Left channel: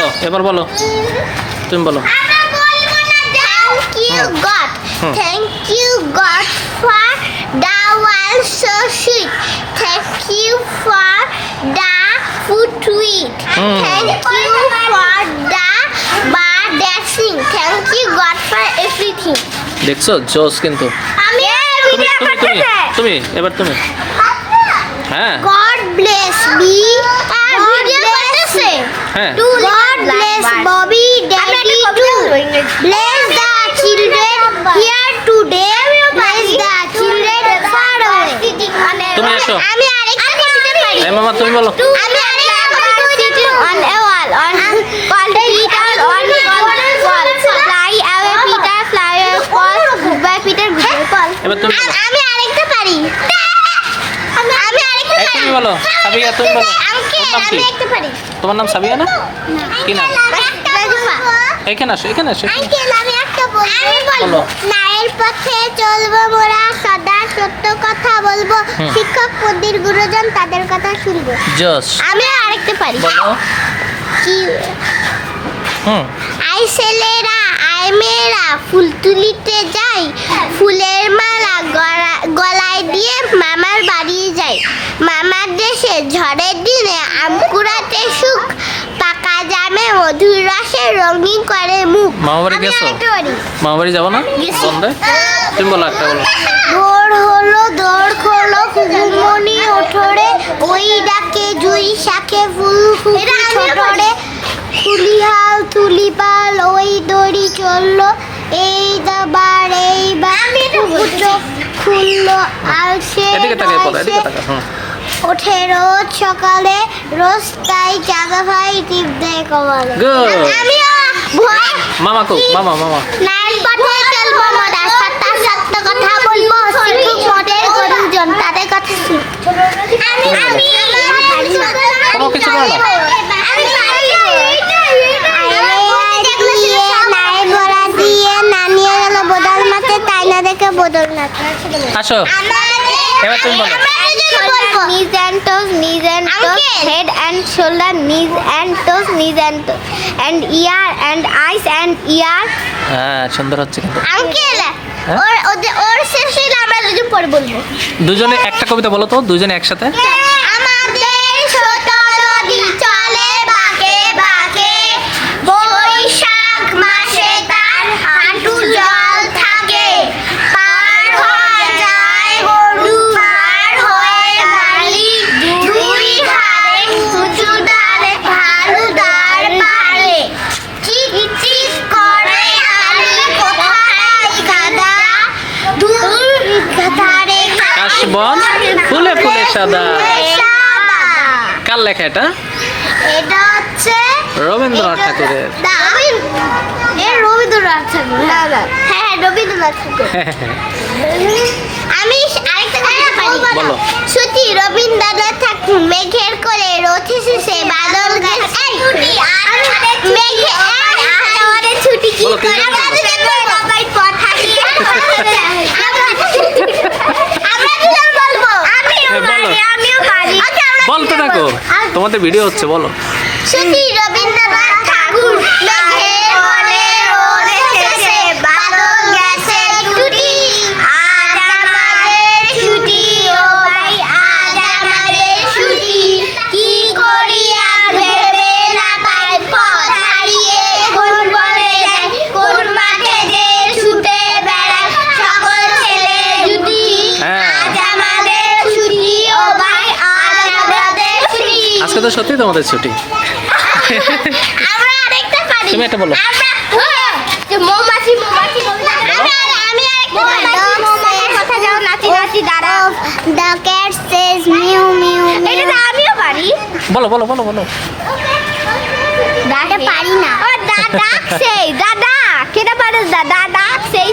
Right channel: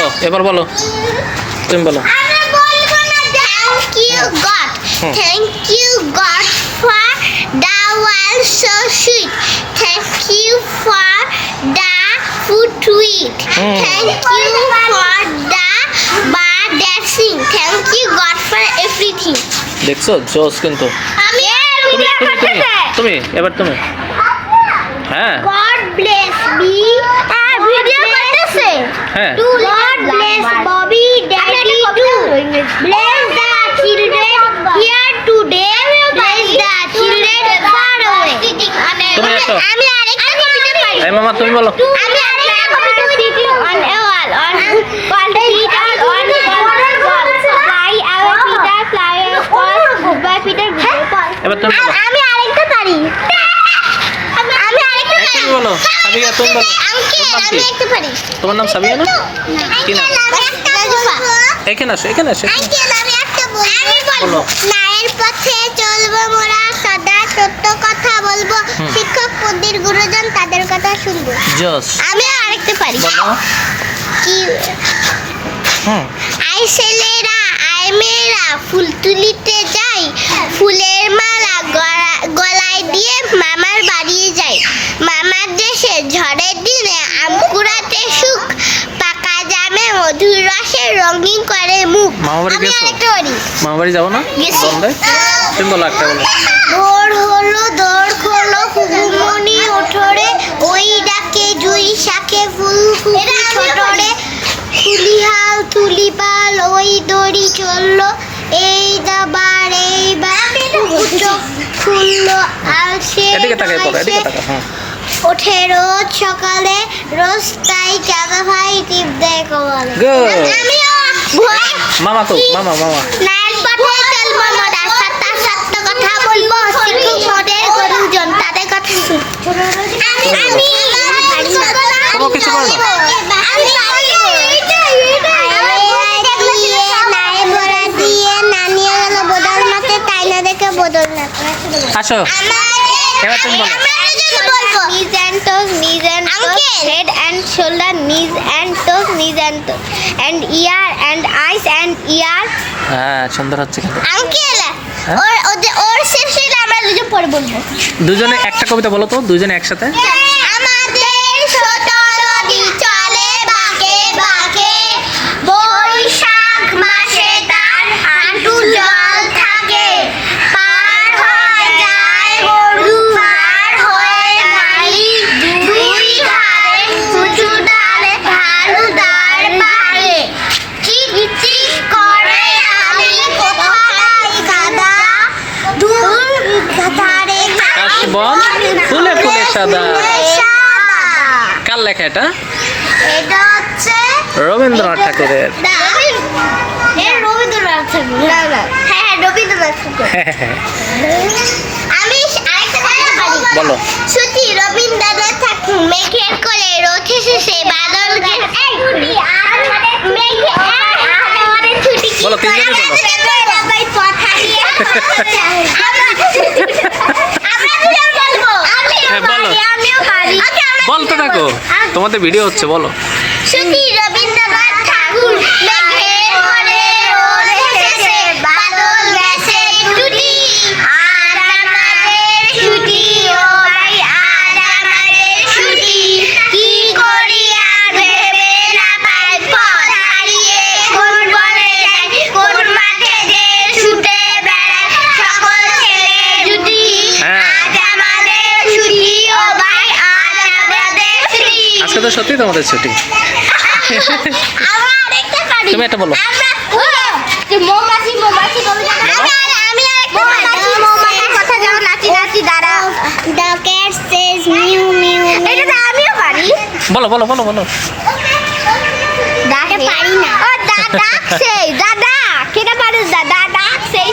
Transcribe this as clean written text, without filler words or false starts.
বলো, এবার বলো, তুমি বলো। Thank you God. Thank you God for the world so sweet. Thank you for the food to eat. Thank you for the bird that sing. Thank you God for everything. দেখছো জোস কিন্তু। তুমি তুমি তুমি তুমি এবার তুমি। হ্যাঁ God bless me. Video করতেছে। হ্যাঁ God bless Bobby Daddy too. Bless the children here today. Bless the children far away. তুমি আসো। আমি আরেকটা কবিতা পারি। এই মামা তুমি বলো। আমি আরেকটা কবিতা পারি। On a wall, on called Peter, on called fly away Peter, fly away goodbye Peter, goodbye. এবার তুমি বলো। আমি আরেকটা পারি। আমি আরেকটা এই তুমি বলো, সাবিয়া তুমি বলো। ওর নাম কি? আমি একটা পারি। তোমার নাম সাবিয়া না? কি নাম? এখানে আসো, এখানে আসো। আঙ্কেল আমি একটা বলবো। আমি বলো। বলবো ন্যায়ের পথে চলবো মোরা সদা সত্য কথা বলবো শিক্ষক পন্ডিত গুরুজন তাদের কথা শুনবো। জোস। আমি আরেকটা পারি। বলো। কি আই ছেলেরা আই মেয়েরা ফুল তুলিতে যাই ফুলের মালা গলায় দিয়ে মামার বাড়ি যাই মামার দেশে ঝড়ের দিনে আম কুড়াতে সুখ পাকা জামে মধুর রসে রঙিন করে মুখ। মামা বাড়ি আমি গেছো? আরেকটা পারি। মামা বাড়ি যাবো না? গেছি। বন্ধে? তুমি বলো একটা বলো। দৌড় হলো দৌড় খোলো কুকুমনি ওঠরে ওই ডাকে জুই শাকে ফুল ফুকি ছোটরে তুলিহাল তুলিপাল ওই দড়ি চললো এই দাবার এইবার খুললো আর সে এদিকে তাকাই পড়ো, এদিকে তাকা। হ্যাঁ ওঠে রোজ সকালে রোজ তাই চাঁদা ভাই টিপ দেয় কমালে। Good. আমিও মামা কো, মামা মামা। নাইন পথে চলবো মোরা সত্য সত্য কথা বলবো শিক্ষক মোদের গুরুজন তাদের কথা শুনবো। আমি কোনো কিছু করো না। আসো এবার তুমি বলো। Knees and toes, head and shoulder, knees and toes, knees and toes, and ear and eyes and ear. হ্যাঁ সুন্দর হচ্ছে কিন্তু। আঙ্কেল হ্যাঁ? ওর শেষ হইলে আমরা দুজন পরে বলবো। দুজনে একটা কবিতা বলো তো, দুজনে একসাথে। আমাদের ছোট নদী চলে বাঁকে বাঁকে বৈশাখ মাসে তার হাঁটু জল থাকে পার হয়ে যায় গরু পার হয়ে মালি দুই ধারে উঁচু ডালে ঢালুদার পারে চিক চিক করে আলি কোথায় গাদা দুই ধারে কাশবন ফুলে ফুলে সাদা। কার লেখা এটা? এটা হচ্ছে রবীন্দ্রনাথ ঠাকুরের। রবীন্দ্রনাথ ঠাকুর। না না হ্যাঁ রবীন্দ্রনাথ ঠাকুর। আমি আরেকটা কথা পারি। বলো। ছুটি রবীন্দ্রনাথ ঠাকুর মেঘের করে রথে শেষে বাদল গেছে মেঘে আমাদের ছুটি কি বলো, করে তিনজনে বলো। সবাই পথ হারিয়ে আমরা দুজন বলবো। হ্যাঁ, বলো। আমিও পারি। বলতে থাকো, তোমাদের ভিডিও হচ্ছে, বলো। ছুটি রবীন্দ্রনাথ ঠাকুর মেঘের করে রোদ এসেছে বাদল গেছে ছুটি আজ আমাদের ছুটি ও ভাই আজ আমাদের ছুটি কি করি আর ভেবে না পাই পথ হারিয়ে কোন বনে যাই কোন মাঠে যে ছুটে বেড়ায় সকল ছেলে জুটি হ্যাঁ। আজ আমাদের ছুটি ও ভাই আজ আমাদের ছুটি। আজকে তো সত্যি তোমাদের ছুটি। আমরা আরেকটা পারি। তুমি একটা বলো। মৌমাছি মৌমাছি কবিতা আমি মৌমাছির কথা যাও নাচি নাচি দাঁড়া the cat Sage mu mu এটা আমিও পারি। বলো বলো বলো বলো। দাঁড়া পারি না ও দাদা সেই দাদা কেটা পারো দাদা সেই